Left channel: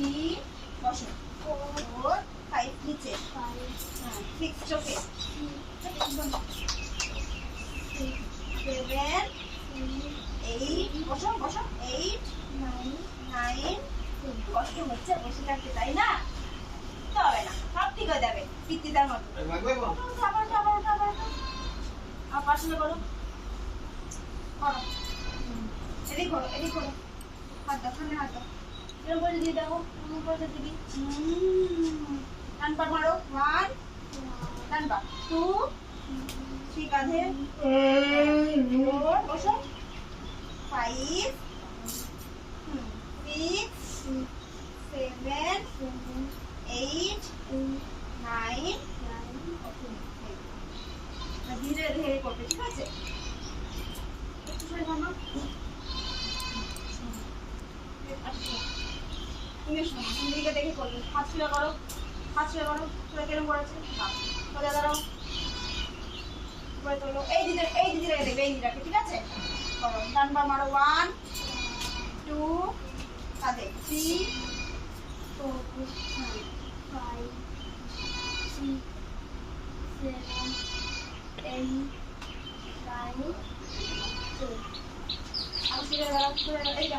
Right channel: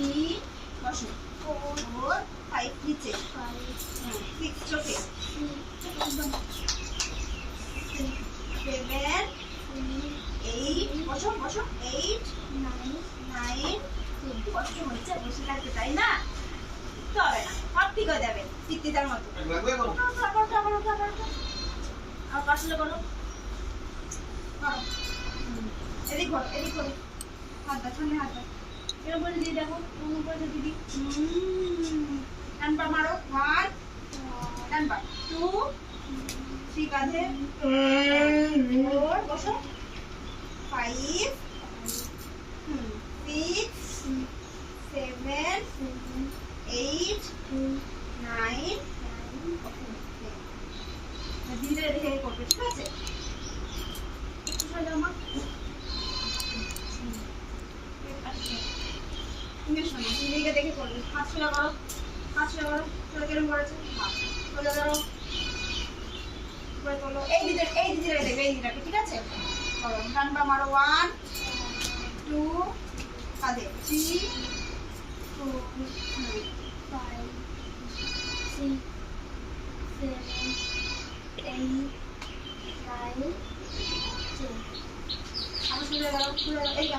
3 বসো 4 5 নিচে 6 চোখে 7 8 বসো বসো 8 9 কষ্ট হচ্ছে বসে থাকতে তাই না? তো হবে না, সব ঠিক হয়ে যাবে পিত্তিদার মতো। আর পাশে করো করো এদিক করো এদিক করো হাত দাও সামনে হাত দাও এরকম করে দিদি দেখো এরকম করে দিদি ডান পা মারো 1 ডান পা 2 3 কাঁধে 4 বসো 5 6 7 8 9 ধীরে ধীরে করবে ঠিক আছে? দিকে দেখে করবে হাত সোজা করো হাত সোজা করো সোজা কেন করেছে সোজা ধরো তোলো এই দিদিটাকে দেখবে এই দিদিটাকে ঠিক আছে করো ডান পা মারো 1 2 কাঁধে 3 4 5 6 7 8 9 10 আবার সোজা দাঁড়াও এই